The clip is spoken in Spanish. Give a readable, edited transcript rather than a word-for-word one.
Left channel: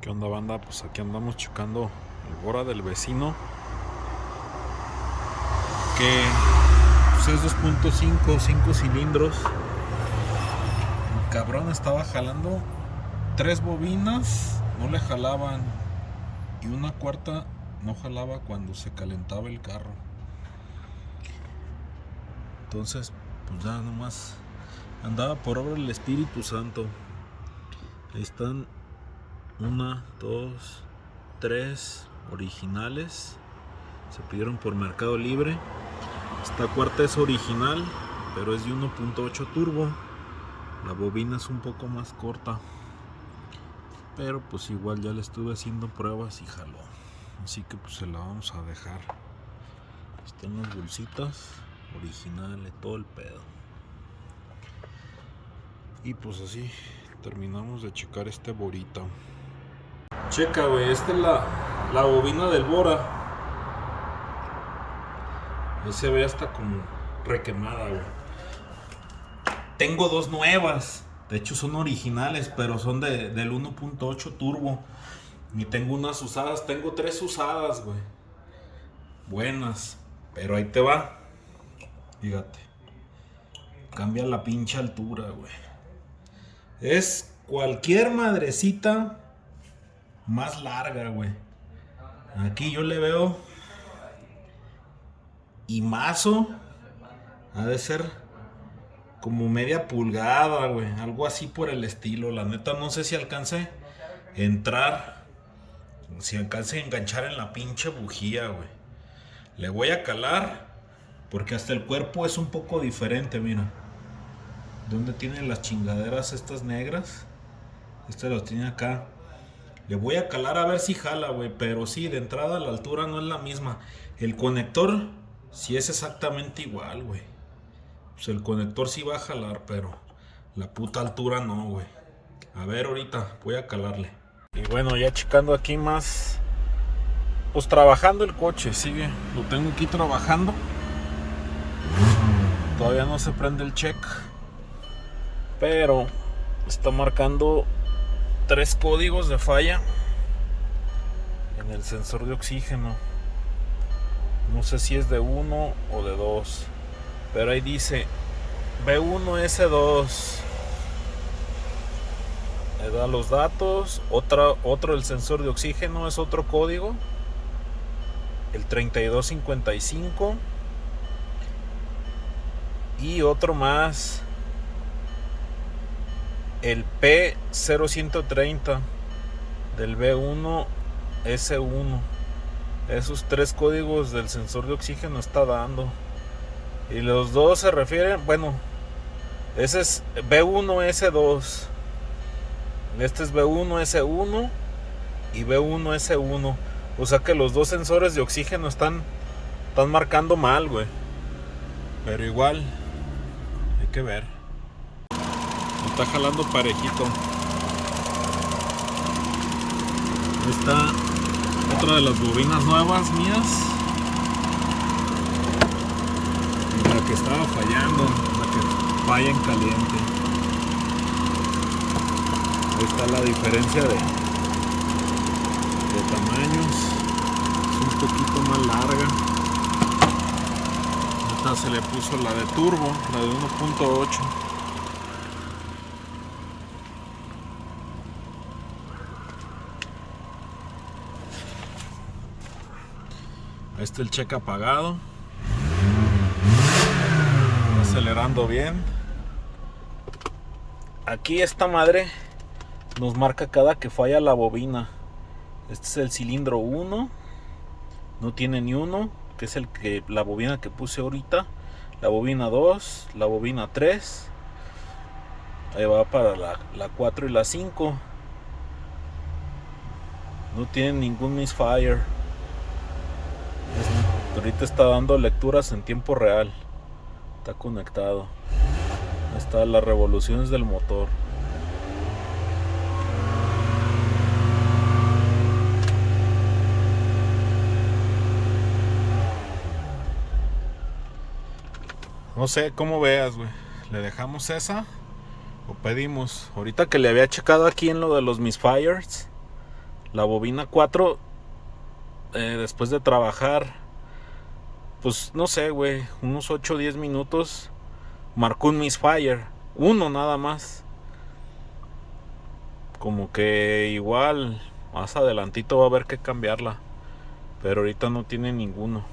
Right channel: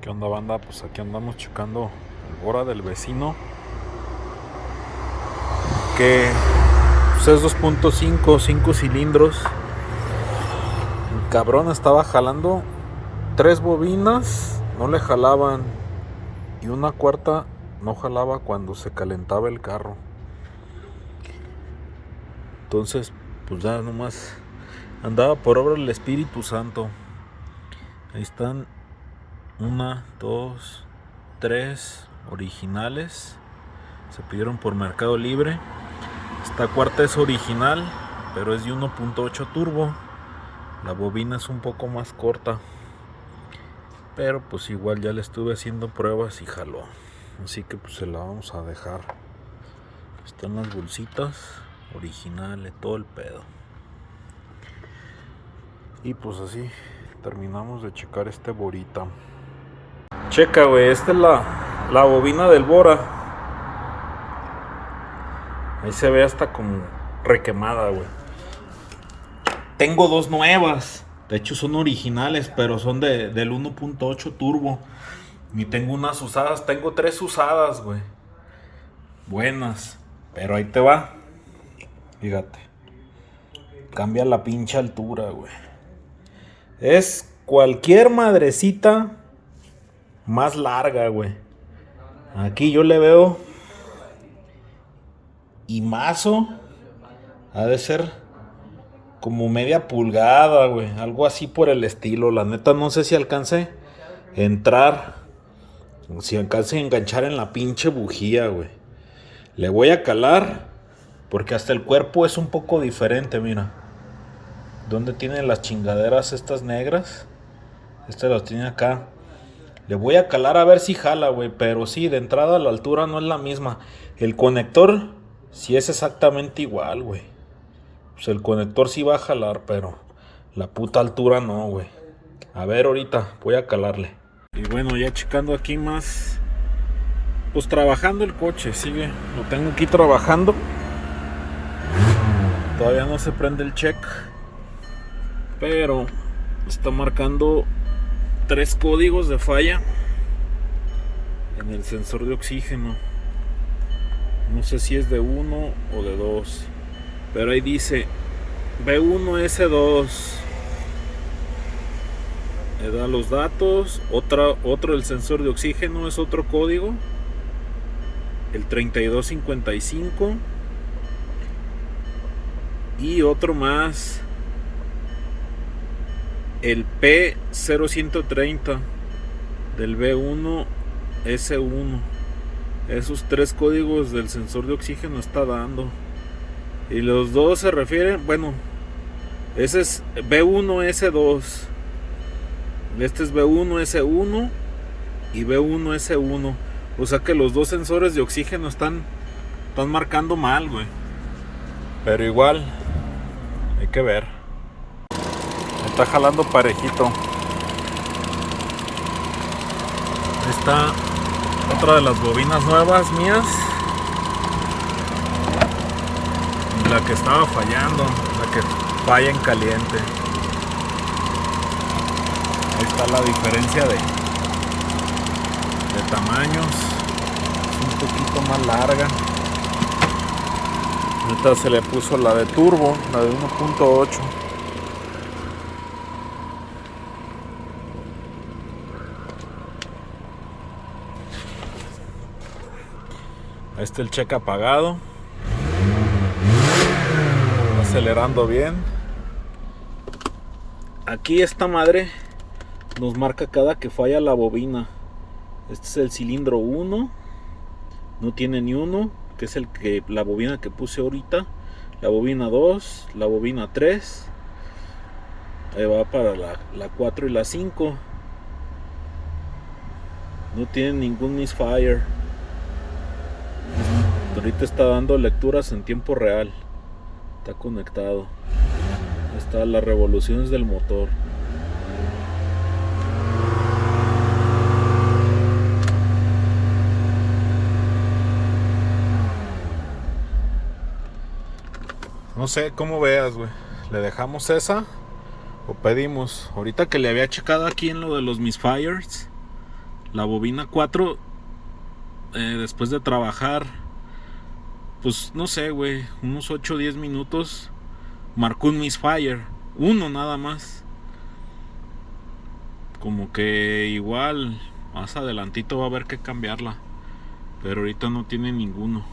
¿Qué onda, banda? Pues aquí andamos checando el Bora del vecino, que pues es 2.5, 5 cilindros. El cabrón estaba jalando 3 bobinas, no le jalaban, y una cuarta no jalaba cuando se calentaba el carro. Entonces, pues ya nomás andaba por obra del Espíritu Santo. Ahí están 1, 2, 3 originales. Se pidieron por Mercado Libre. Esta cuarta es original, pero es de 1.8 turbo. La bobina es un poco más corta, pero pues igual ya le estuve haciendo pruebas y jaló. Así que pues se la vamos a dejar. Están las bolsitas originales, todo el pedo. Y pues así terminamos de checar este Borita. Checa, güey, esta es la bobina del Bora. Ahí se ve hasta como requemada, güey. Tengo 2 nuevas. De hecho son originales, pero son del 1.8 turbo. Y tengo unas usadas. Tengo 3 usadas, güey. Buenas. Pero ahí te va. Fíjate. Cambia la pinche altura, güey. Es cualquier madrecita más larga, güey. Aquí yo le veo. Y mazo. Ha de ser como media pulgada, güey. Algo así por el estilo. La neta no sé si alcance a entrar. Si alcance a enganchar en la pinche bujía, güey. Le voy a calar. Porque hasta el cuerpo es un poco diferente, mira. ¿Dónde tienen las chingaderas estas negras? Estas las tiene acá. Le voy a calar a ver si jala, güey. Pero sí, de entrada la altura no es la misma. El conector sí es exactamente igual, güey. Pues el conector sí va a jalar, pero la puta altura no, güey. A ver, ahorita voy a calarle. Y bueno, ya checando aquí más. Pues trabajando el coche, sigue. Lo tengo aquí trabajando. Todavía no se prende el check. Pero está marcando 3 códigos de falla en el sensor de oxígeno. No sé si es de 1 o de 2. Pero ahí dice B1S2. Le da los datos. Otro el sensor de oxígeno es otro código. El 3255. Y otro más. El P0130 del B1S1. Esos 3 códigos del sensor de oxígeno está dando. Y los dos se refieren, bueno, ese es B1S2. Este es B1S1 y B1S1. O sea que los dos sensores de oxígeno están marcando mal, güey. Pero igual, hay que ver. Está jalando parejito. Ahí está otra de las bobinas nuevas mías. Y la que estaba fallando, la que falla en caliente. Ahí está la diferencia de tamaños. Es un poquito más larga. Esta se le puso la de turbo, la de 1.8. Ahí está el check apagado. Está acelerando bien. Aquí esta madre nos marca cada que falla la bobina. Este es el cilindro 1. No tiene ni uno, que es la bobina que puse ahorita. La bobina 2, la bobina 3. Ahí va para la 4 y la 5. No tiene ningún misfire. Ahorita está dando lecturas en tiempo real. Está conectado. Ahí están las revoluciones del motor. No sé cómo veas, güey. ¿Le dejamos esa o pedimos? Ahorita que le había checado aquí en lo de los misfires, La bobina 4, después de trabajar, pues no sé, güey, unos 8 o 10 minutos, marcó un misfire. Uno nada más. Como que igual, más adelantito va a haber que cambiarla. Pero ahorita no tiene ninguno.